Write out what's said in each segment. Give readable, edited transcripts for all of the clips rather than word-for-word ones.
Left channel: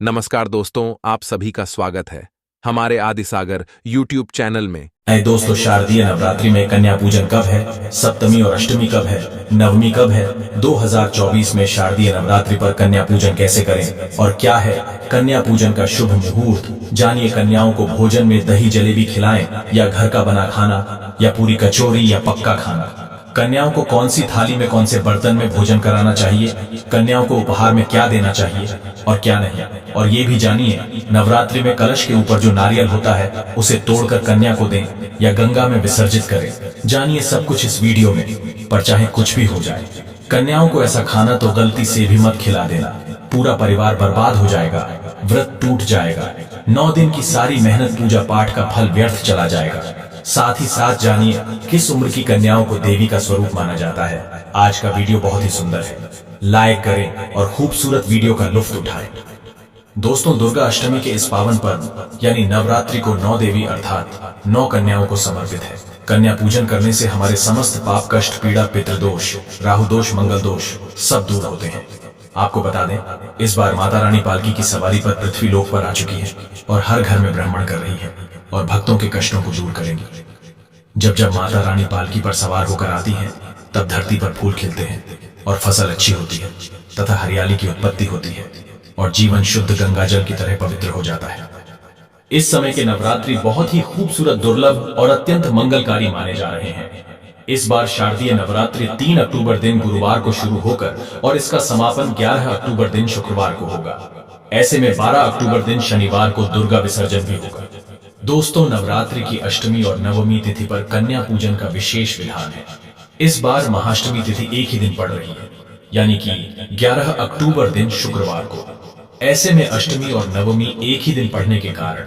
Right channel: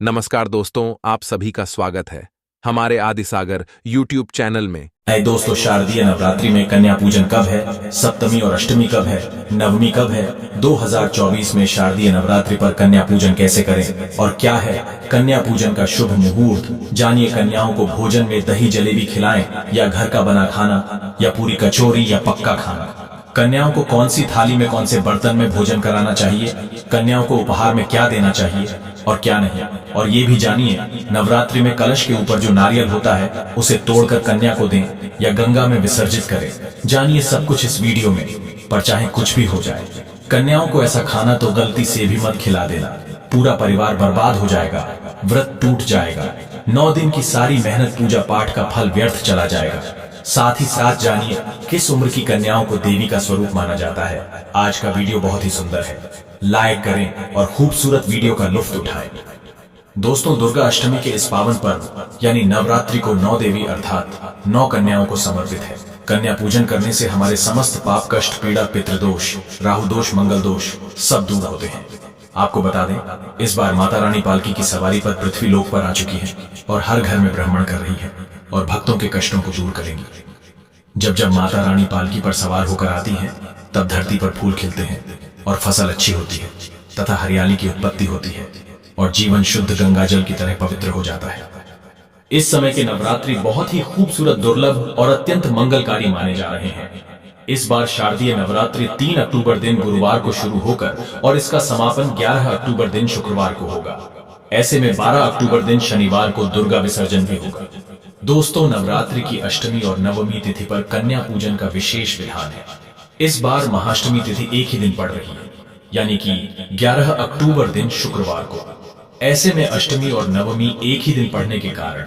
नमस्कार दोस्तों, आप सभी का स्वागत है हमारे आदिसागर यूट्यूब चैनल में। दोस्तों, शारदीय नवरात्रि में कन्या पूजन कब है, सप्तमी और अष्टमी कब है, नवमी कब है? 2024 में शारदीय नवरात्रि पर कन्या पूजन कैसे करें और क्या है कन्या पूजन का शुभ मुहूर्त? जानिए, कन्याओं को भोजन में दही जलेबी खिलाएं या घर का बना खाना या पूरी कचौरी या पक्का खाना? कन्याओं को कौन सी थाली में कौन से बर्तन में भोजन कराना चाहिए? कन्याओं को उपहार में क्या देना चाहिए और क्या नहीं? और ये भी जानिए, नवरात्रि में कलश के ऊपर जो नारियल होता है उसे तोड़कर कन्या को दें या गंगा में विसर्जित करें। जानिए सब कुछ इस वीडियो में, पर चाहे कुछ भी हो जाए, कन्याओं को ऐसा खाना तो गलती से भी मत खिला देना। पूरा परिवार बर्बाद हो जाएगा, व्रत टूट जाएगा, 9 दिन की सारी मेहनत पूजा पाठ का फल व्यर्थ चला जाएगा। साथ ही साथ जानिए किस उम्र की कन्याओं को देवी का स्वरूप माना जाता है। आज का वीडियो बहुत ही सुंदर है, लाइक करें और खूबसूरत वीडियो का लुत्फ उठाएं। दोस्तों, दुर्गा अष्टमी के इस पावन पर्व यानी नवरात्रि को 9 देवी अर्थात 9 कन्याओं को समर्पित है। कन्या पूजन करने से हमारे समस्त पाप, कष्ट, पीड़ा, पितृदोष, राहु दोष, मंगल दोष सब दूर होते हैं। आपको बता दें, इस बार माता रानी पालकी की सवारी पर पृथ्वी लोक पर आ चुकी है और हर घर में भ्रमण कर रही है और भक्तों के कष्टों को दूर करेंगी। जब जब माता रानी पालकी पर सवार होकर आती हैं, तब धरती पर फूल खिलते हैं और फसल अच्छी होती है तथा हरियाली की उत्पत्ति होती है और जीवन शुद्ध गंगा जल की तरह पवित्र हो जाता है। इस समय के नवरात्रि बहुत ही खूबसूरत, दुर्लभ और अत्यंत मंगलकारी माने जा रहे हैं। इस बार शारदीय नवरात्रि 3 अक्टूबर दिन गुरुवार को शुरू होकर और इसका समापन 11 अक्टूबर दिन शुक्रवार को होगा। ऐसे में 12 अक्टूबर दिन शनिवार को दुर्गा विसर्जन भी होगा। दोस्तों, नवरात्रि की अष्टमी और नवमी तिथि पर कन्या पूजन का विशेष विधान है। इस बार महाअष्टमी तिथि एक ही दिन पड़ रही है, यानी कि 11 अक्टूबर दिन शुक्रवार को। ऐसे में अष्टमी और नवमी एक ही दिन पढ़ने के कारण,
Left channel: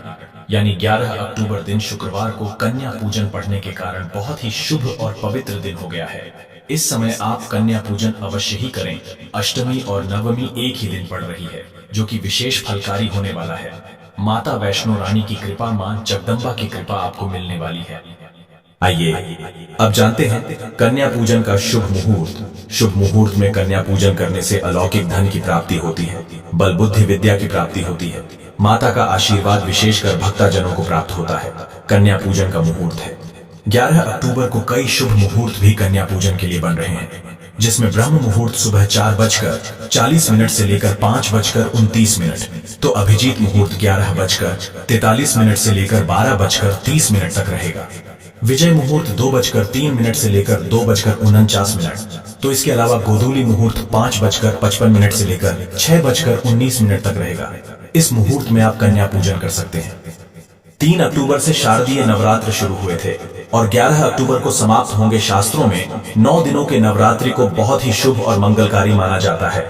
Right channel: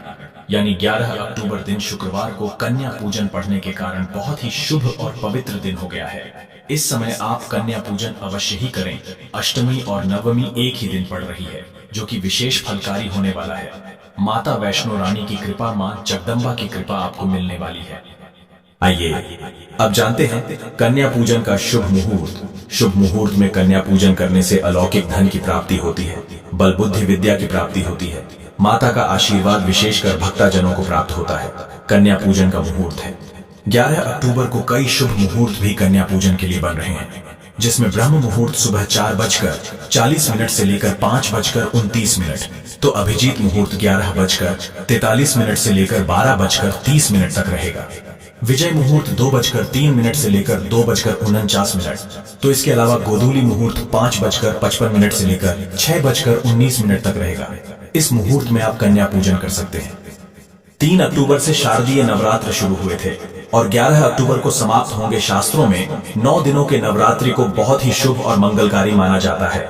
यानी 11 अक्टूबर दिन शुक्रवार को कन्या पूजन पढ़ने के कारण बहुत ही शुभ और पवित्र दिन हो गया है। इस समय आप कन्या पूजन अवश्य ही करें। अष्टमी और नवमी एक ही दिन पड़ रही है, जो कि विशेष फलकारी होने वाला है। माता वैष्णो रानी की कृपा, मां जगदम्बा की कृपा आपको मिलने वाली है। आइए अब जानते हैं कन्या पूजन का शुभ मुहूर्त। शुभ मुहूर्त में कन्या पूजन करने से अलौकिक धन की प्राप्ति होती है, बल बुद्धि विद्या की प्राप्ति होती है, माता का आशीर्वाद विशेषकर भक्तजनों को प्राप्त होता है। कन्या पूजन का मुहूर्त है 11 अक्टूबर को। कई शुभ मुहूर्त भी कन्या पूजन के लिए बन रहे हैं, जिसमें ब्रह्म मुहूर्त सुबह 4:40 से लेकर 5:29, तो अभिजीत मुहूर्त 11:43 से लेकर 12:30 तक रहेगा। विजय मुहूर्त 2:03 से लेकर 2:49, तो इसके अलावा गोधूली मुहूर्त 5:55 से लेकर 6:19 तक रहेगा। इस मुहूर्त में आप कन्या पूजन कर सकते हैं। 3 अक्टूबर से शारदीय नवरात्र शुरू हुए थे और 11 अक्टूबर को समाप्त होंगे। शास्त्रों में 9 दिनों के नवरात्रि को बहुत ही शुभ और मंगलकारी माना जाता है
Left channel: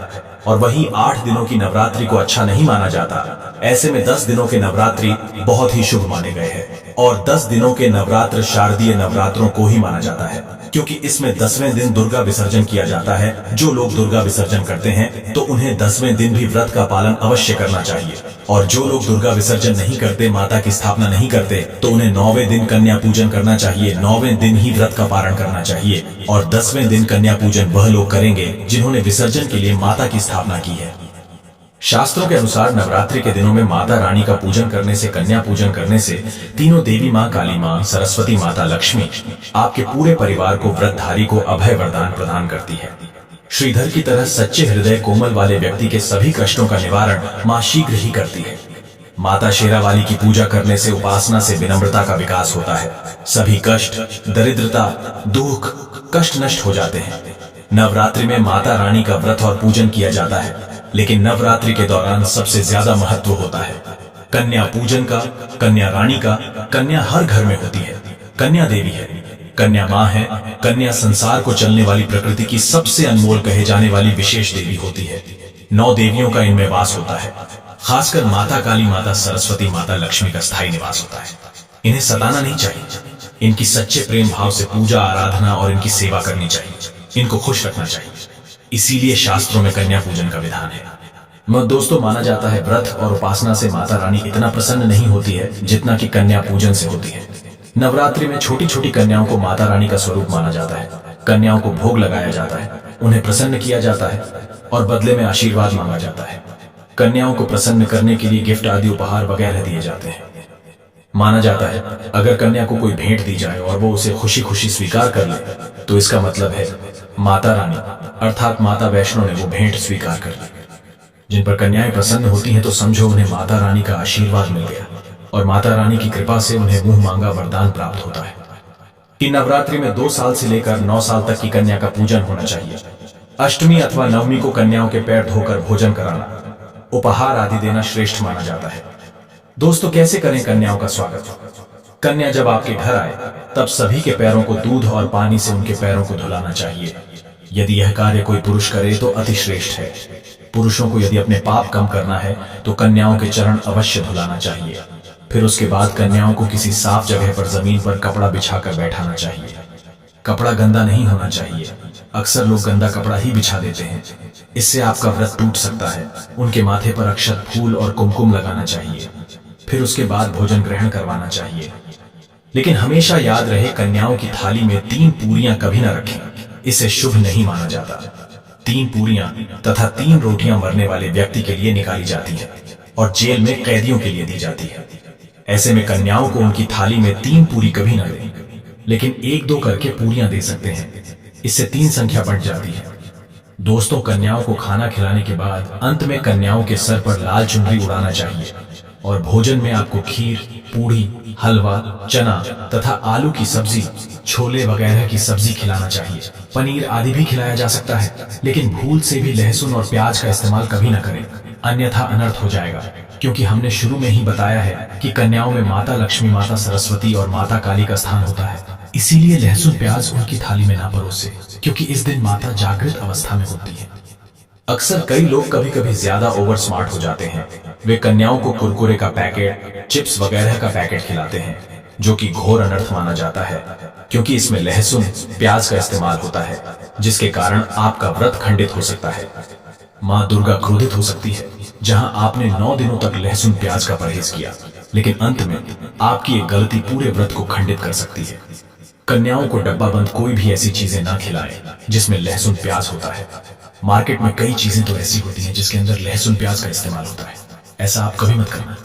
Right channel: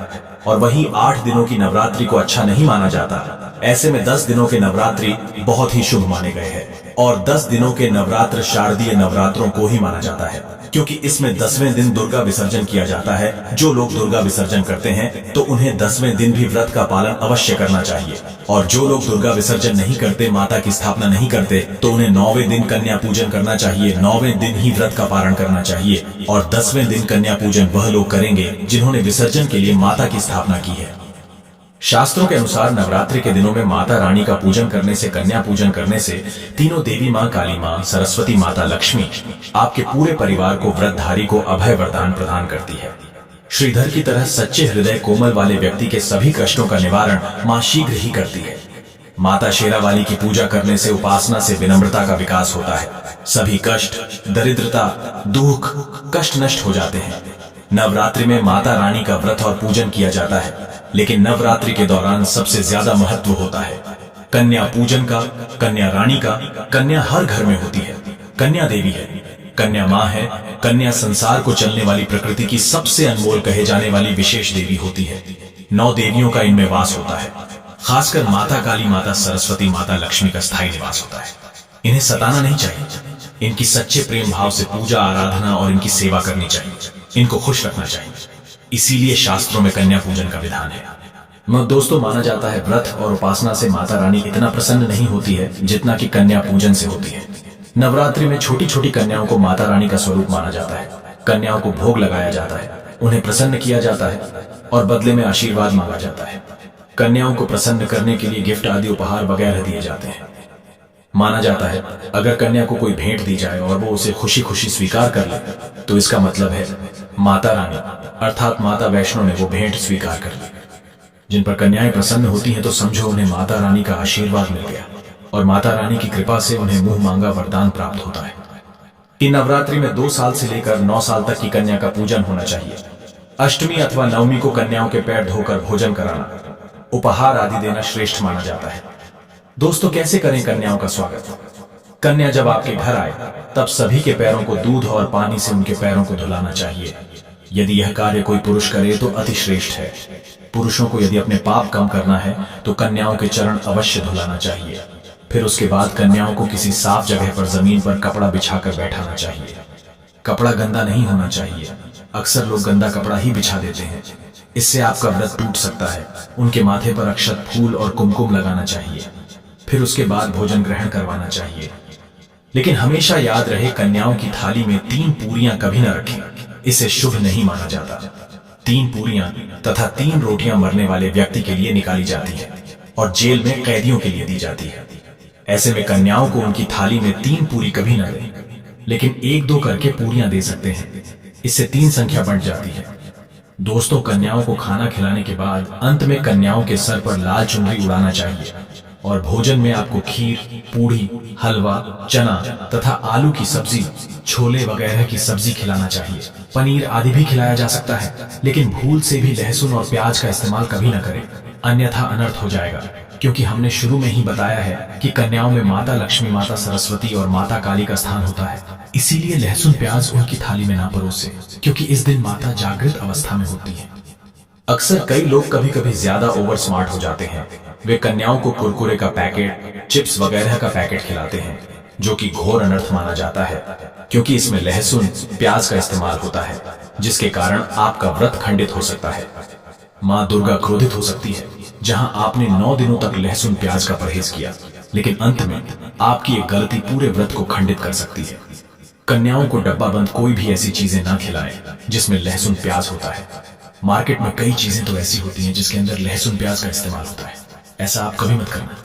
और वहीं 8 दिनों की नवरात्रि को अच्छा नहीं माना जाता। ऐसे में 10 दिनों के नवरात्रि बहुत ही शुभ माने गए हैं और 10 दिनों के नवरात्र शारदीय नवरात्रों को ही माना जाता है, क्योंकि इसमें 10वें दिन दुर्गा विसर्जन किया जाता है। जो लोग दुर्गा विसर्जन करते हैं तो उन्हें 10वें दिन भी व्रत का पालन अवश्य करना चाहिए, और जो लोग दुर्गा विसर्जन नहीं करते, माता की स्थापना नहीं करते, तो उन्हें 9वें दिन कन्या पूजन करना चाहिए। 9वें दिन ही व्रत का पारण करना चाहिए और 10वें दिन कन्या पूजन वह लोग करेंगे जिन्होंने विसर्जन के लिए माता की स्थापना की है। शास्त्रों के अनुसार नवरात्रि के दिनों में माता रानी का पूजन करने से, कन्या पूजन करने से तीनों देवी मां, काली मां, सरस्वती माता, लक्ष्मी आपके पूरे परिवार को, व्रतधारी को अभय वरदान प्रदान करती है। श्रीधर की तरह सच्चे हृदय कोमल वाले व्यक्ति के सभी कष्टों का निवारण मां शीघ्र ही करती है। माता शेरावाली की पूजा करने से, उपासना से विनम्रता का विकास होता है। सभी कष्ट, दरिद्रता, दुख, कष्ट नष्ट हो जाते हैं। नवरात्रि में माता रानी का व्रत और पूजन किया जाता है, लेकिन नवरात्रि के दौरान सबसे ज्यादा महत्व होता है कन्या पूजन का, कन्या रानी का। कन्या हर घर में होती है, कन्या देवी है, कन्या मां है। कन्या संसार को चलने वाली, प्रकृति की सबसे अनमोल कहे जाने वाली विशेष देवी होती है। 9 देवियों का इनमें वास होता है। खासकर माता काली, माता सरस्वती, माता लक्ष्मी का स्थायी निवास होता है। इन्हें सताना नहीं चाहिए, इनकी सच्चे प्रेम भाव से पूजा, आराधना और इनकी सेवा करनी चाहिए। इनको खुश रखना चाहिए, इसीलिए शास्त्रों में कन्या पूजन का विधान है। दोस्तों, माना जाता है व्रत और उपासना से माता रानी इतना प्रसन्न नहीं होती है जितना कि कन्या पूजन से होती है। नवरात्रि में छोटी छोटी कन्याओं को माता रानी का स्वरूप माना जाता है। कन्याओं को भोग लगाया जाता है, उन्हें प्रसन्न किया जाता है और बदले में आशीर्वाद मांगा जाता है। कन्याओं को प्रसन्न करने के लिए गिफ्ट आदि उपहार वगैरह दिए जाते हैं। माना जाता है अगर कन्या को कोई भेंट दी जाए और वो उसे खुशी खुशी स्वीकार कर ले तो इसका मतलब है माता रानी अर्थात माता वैष्णो ने वो भेंट स्वीकार कर ली। जिन पर कन्याएं प्रसन्न होती हैं तो समझो उन्हें माता रानी का आशीर्वाद मिल गया और माता रानी की कृपा से उन्हें मुंह मांगा वरदान प्राप्त होता है। कि नवरात्रि में 2 साल से लेकर 9 साल तक की कन्या का पूजन होना चाहिए। अष्टमी अथवा नवमी को कन्याओं के पैर धोकर भोजन कराना, उपहार आदि देना श्रेष्ठ माना जाता है। दोस्तों, कैसे करें कन्याओं का स्वागत? कन्या जब आपके घर आए तब सभी के पैरों को दूध और पानी से उनके पैरों को धुलाना चाहिए। यदि यह कार्य कोई पुरुष करे तो अति श्रेष्ठ है। पुरुषों को यदि अपने पाप कम करना है तो कन्याओं के चरण अवश्य धुलाना चाहिए। फिर उसके बाद कन्याओं को किसी साफ जगह पर जमीन पर कपड़ा बिछाकर बैठाना चाहिए। कपड़ा गंदा नहीं होना चाहिए। अक्सर लोग गंदा कपड़ा ही बिछा देते हैं, इससे आपका व्रत टूट सकता है। उनके माथे पर अक्षत, फूल और कुमकुम लगाना चाहिए। फिर उसके बाद भोजन ग्रहण करवाना चाहिए। लेकिन हमेशा याद रहे कन्याओं की थाली में 3 पूरियां कभी न रखें, इसे शुभ नहीं माना जाता। 3 पूरियां तथा 3 रोटियां मरने वाले व्यक्ति के लिए निकाली जाती है और जेल में कैदियों के लिए दी जाती है। ऐसे में कन्याओं को उनकी थाली में 3 पूरी कभी न दें, लेकिन 1-2 करके पूरियां दे सकते हैं। इससे 3 संख्या बढ़ जाती है। दोस्तों, कन्याओं को खाना खिलाने के बाद अंत में कन्याओं के सर पर लाल चुनरी उड़ाना चाहिए और भोजन में आपको खीर, पूड़ी, हलवा, चना तथा आलू की सब्जी, छोले वगैरह की सब्जी खिलाना चाहिए। पनीर आदि भी खिलाया जा सकता है, लेकिन भूल से भी लहसुन और प्याज का इस्तेमाल कभी न करें, अन्यथा अनर्थ हो जाएगा। क्योंकि हमने शुरू में ही बताया है कि कन्याओं में माता लक्ष्मी, माता सरस्वती और माता काली का स्थान होता है। इसीलिए लहसुन प्याज उनकी थाली में ना परोसे, क्योंकि इस दिन माता जागृत अवस्था में होती है। अक्सर कई लोग कभी कभी ज्यादा ओवर स्मार्ट हो जाते हैं। वे कन्याओं को कुरकुरे का पैकेट, चिप्स वगैरह का पैकेट खिलाते हैं, जो कि घोर अनर्थ माना जाता है, क्योंकि इसमें लहसुन प्याज का इस्तेमाल होता है, जिसके कारण आपका व्रत खंडित हो सकता है। मां दुर्गा क्रोधित हो सकती है। जहां आपने 9 दिनों तक लहसुन प्याज का परहेज किया, लेकिन अंत में आपकी एक गलती पूरे व्रत को खंडित कर सकती है। कन्याओं को डब्बा बंद कोई भी ऐसी चीजें ना खिलाएं जिसमें लहसुन प्याज होता है। मार्केट में कई चीजें तो ऐसी होती हैं जिसके अंदर लहसुन प्याज का इस्तेमाल होता है, ऐसा आप कभी मत करना।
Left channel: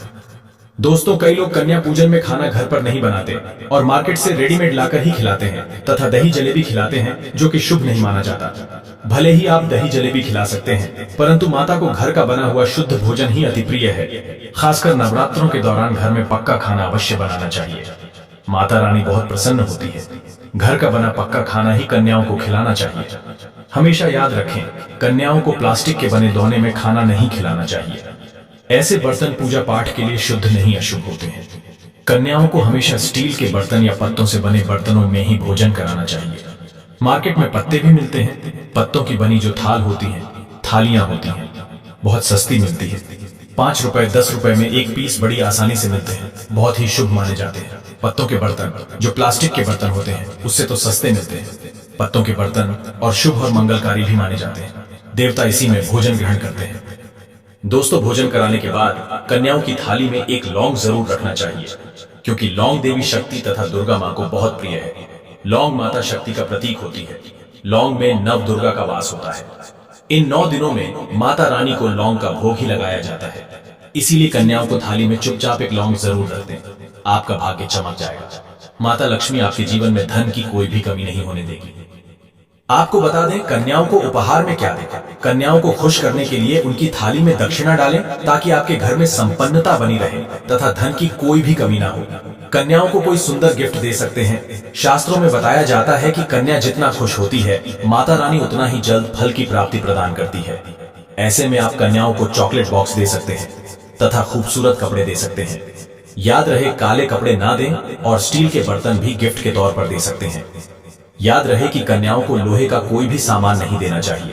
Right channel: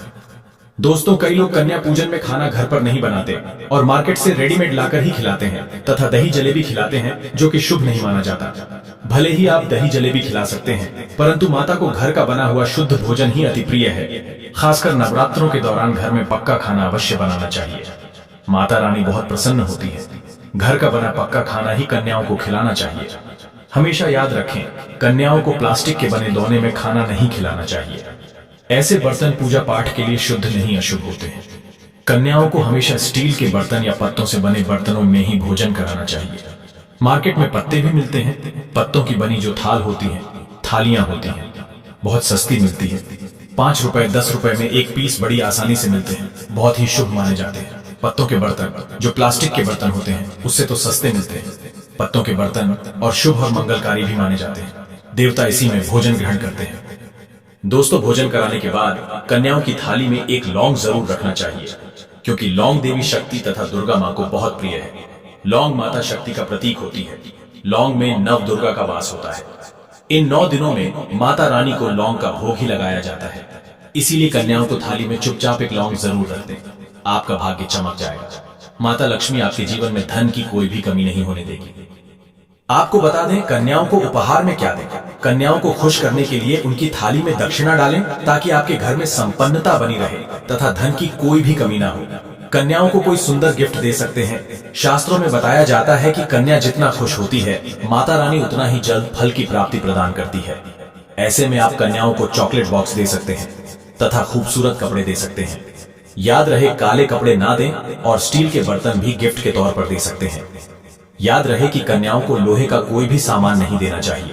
दोस्तों, कई लोग कन्या पूजन में खाना घर पर नहीं बनाते और मार्केट से रेडीमेड लाकर ही खिलाते हैं तथा दही जलेबी खिलाते हैं, जो कि शुभ नहीं माना जाता। भले ही आप दही जलेबी खिला सकते हैं, परंतु माता को घर का बना हुआ शुद्ध भोजन ही अति प्रिय है। खासकर नवरात्रों के दौरान घर में पक्का खाना अवश्य बनाना चाहिए। माता रानी बहुत प्रसन्न होती है। घर का बना पक्का खाना ही कन्याओं को खिलाना चाहिए। हमेशा याद रखें, कन्याओं को प्लास्टिक के बने दोने में खाना नहीं खिलाना चाहिए। ऐसे बर्तन पूजा पाठ के लिए शुद्ध नहीं अशुभ होते हैं। कन्याओं को हमेशा स्टील के बर्तन या पत्तों से बने बर्तनों में ही भोजन कराना चाहिए। मार्केट में पत्ते भी मिलते हैं। पत्तों की बनी जो थाल होती है, थालियां होती हैं, बहुत सस्ती मिलती है। 5 रुपए 10 रुपए में एक पीस बड़ी आसानी से मिलते हैं, बहुत ही शुभ माने जाते हैं। पत्तों के बर्तन जो प्लास्टिक के बर्तन होते हैं उससे तो सस्ते मिलते हैं। पत्तों के बर्तन और शुभ और मंगलकारी भी माने जाते हैं। देवता इसी में भोजन ग्रहण करते हैं। दोस्तों, भोजन कराने के बाद कन्याओं की थाली में एक लौंग जरूर रखना चाहिए, क्योंकि लौंग देवी शक्ति तथा दुर्गा मां को बहुत प्रिय है। लौंग माता शक्ति का प्रतीक होती है। लौंग में नव दुर्गा का वास होता है। इन 9 दिनों में माता रानी को लौंग का भोग ही लगाया जाता है। इसीलिए कन्याओं को थाली में चुपचाप एक लौंग जरूर रख दें, आपका भाग्य चमक जाएगा। माता लक्ष्मी आपके जीवन में धन की कोई भी कमी नहीं होने देगी। आपको बता दें, कन्याओं को उपहार में क्या दें। कन्याओं को खुश करने के लिए उनकी थाली में दक्षिणा डालें, ताकि आपके घर में संपन्नता बनी रहे तथा धन की कोई भी कमी ना हो। कन्याओं को कोई सुंदर गिफ्ट दे सकते हैं। शास्त्रों में बताया जाता है कि कन्या जितना खुश होती है, माता रानी उतना ही जल्द फल की प्राप्ति प्रदान करती है। ऐसे में आप कन्याओं को चॉकलेट बॉक्स दे सकते हैं तथा खूबसूरत कपड़े दे सकते हैं। याद रहे, काले कपड़े ना दें और स्टील के बर्तन भी गिफ्ट के तौर पर दे सकते हैं। याद रहे कि कन्याओं को लोहे का कोई भी सामान नहीं देना चाहिए।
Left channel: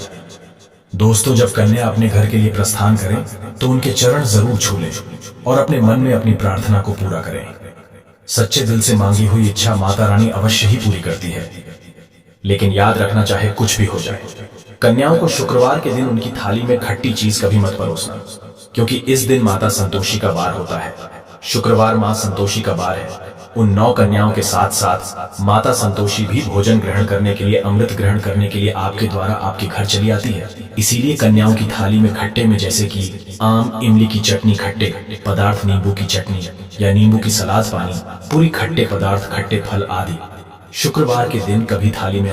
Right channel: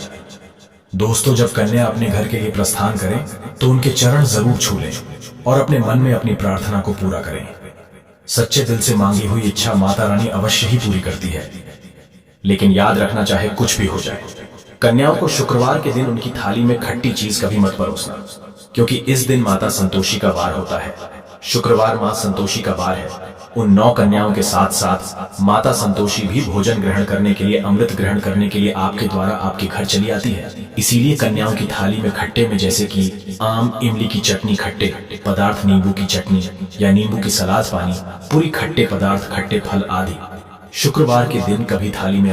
दोस्तों, जब कन्या अपने घर के लिए प्रस्थान करें तो उनके चरण जरूर छू लें और अपने मन में अपनी प्रार्थना को पूरा करें। सच्चे दिल से मांगी हुई इच्छा माता रानी अवश्य ही पूरी करती है। लेकिन याद रखना, चाहे कुछ भी हो जाए, कन्याओं को शुक्रवार के दिन उनकी थाली में खट्टी चीज कभी मत परोसना, क्योंकि इस दिन माता संतोषी का वार होता है। शुक्रवार मां संतोषी का वार है। उन 9 कन्याओं के साथ साथ माता संतोषी भी भोजन ग्रहण करने के लिए, अमृत ग्रहण करने के लिए आपके द्वारा आपके घर चली आती है। इसीलिए कन्याओं की थाली में खट्टे में जैसे कि आम, इमली की चटनी, खट्टे पदार्थ, नींबू की चटनी या नींबू की सलाद पानी, पूरी खट्टे पदार्थ, खट्टे फल आदि। शुक्रवार के दिन कभी थाली में